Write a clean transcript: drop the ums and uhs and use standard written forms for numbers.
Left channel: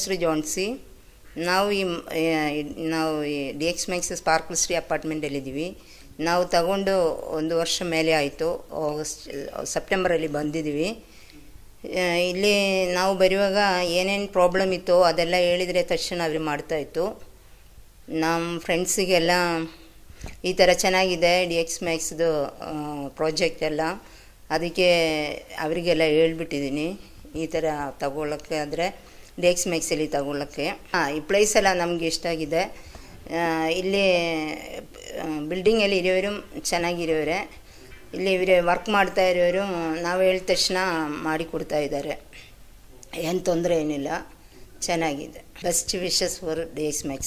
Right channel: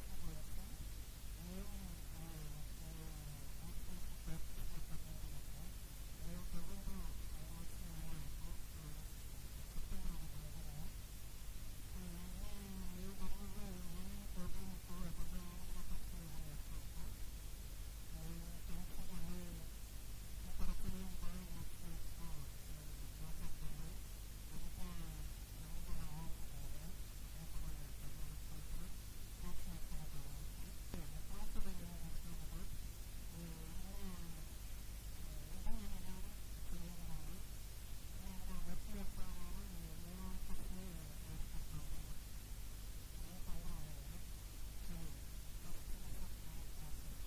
ಹೆಸರು ಜಾನ್ಸಿ. ನಾವು ಈ DX Max ಸ್ಪಾರ್ಕಲ್ ಸ್ಟ್ರೀಟ್ ಅಪಾರ್ಟ್ಮೆಂಟಲ್ಲಿದ್ದೀವಿ. ನಾವು ತಗೊಂಡು 1 ವರ್ಷ ಮೇಲೆ ಆಯಿತು. ಸೆಪ್ಟೆಂಬರಲ್ಲಿ ಬಂದಿದ್ದೀವಿ. ಇಲ್ಲಿ ನಾವು ಬರುವಾಗ ಏನೇನು ಪ್ರಾಬ್ಲಮ್ ಇತ್ತು ಅದೆಲ್ಲ ಹೇಳಿದರೆ ತಕ್ಷಣ ಅವ್ರು ಮಾಡ್ತಾಯಿತ್ತು. ನಮ್ಮ ಫ್ರೆಂಡ್ಸಿಗೆಲ್ಲ ಈ ಥರ ಚೆನ್ನಾಗಿದೆ DX Maxದು ಪ್ರಾಜೆಕ್ಟ್ ಎಲ್ಲ, ಅದಕ್ಕೆ ಅವರಿಗೆಲ್ಲ ಹೇಳ್ಬಿಟ್ಟಿದ್ದೀನಿ ಈ ಥರ ತಗೊಳ್ಳೋಕ್ಕೆ ಆದರೆ DX Maxಲ್ಲಿ ತಗೊಳ್ಳೋಕ್ಕೆ. ಈ ಪ್ಲೇಸ್ ಎಲ್ಲ ನಮಗೆ ಇಷ್ಟ ಆಗಿದೆ. ಇಲ್ಲಿ ಬಿಲ್ಡಿಂಗಲ್ಲಿ ಇರೋರು ಚೆನ್ನಾಗಿರೋರೆ, ಇಲ್ಲಿ ಇವರೇ ವರ್ಕ್ ಮಾಡ್ತಾ ಇರೋರು ನಾವು ಹೇಳಿದ ತಕ್ಷಣ ಮಾಡಿಕೊಡ್ತಾ ಇದ್ದಾರೆ. ಏನು ತೊಂದರೆ ಏನಿಲ್ಲ, ಚೆನ್ನಾಗಿದೆ. Best wishes for DX Max.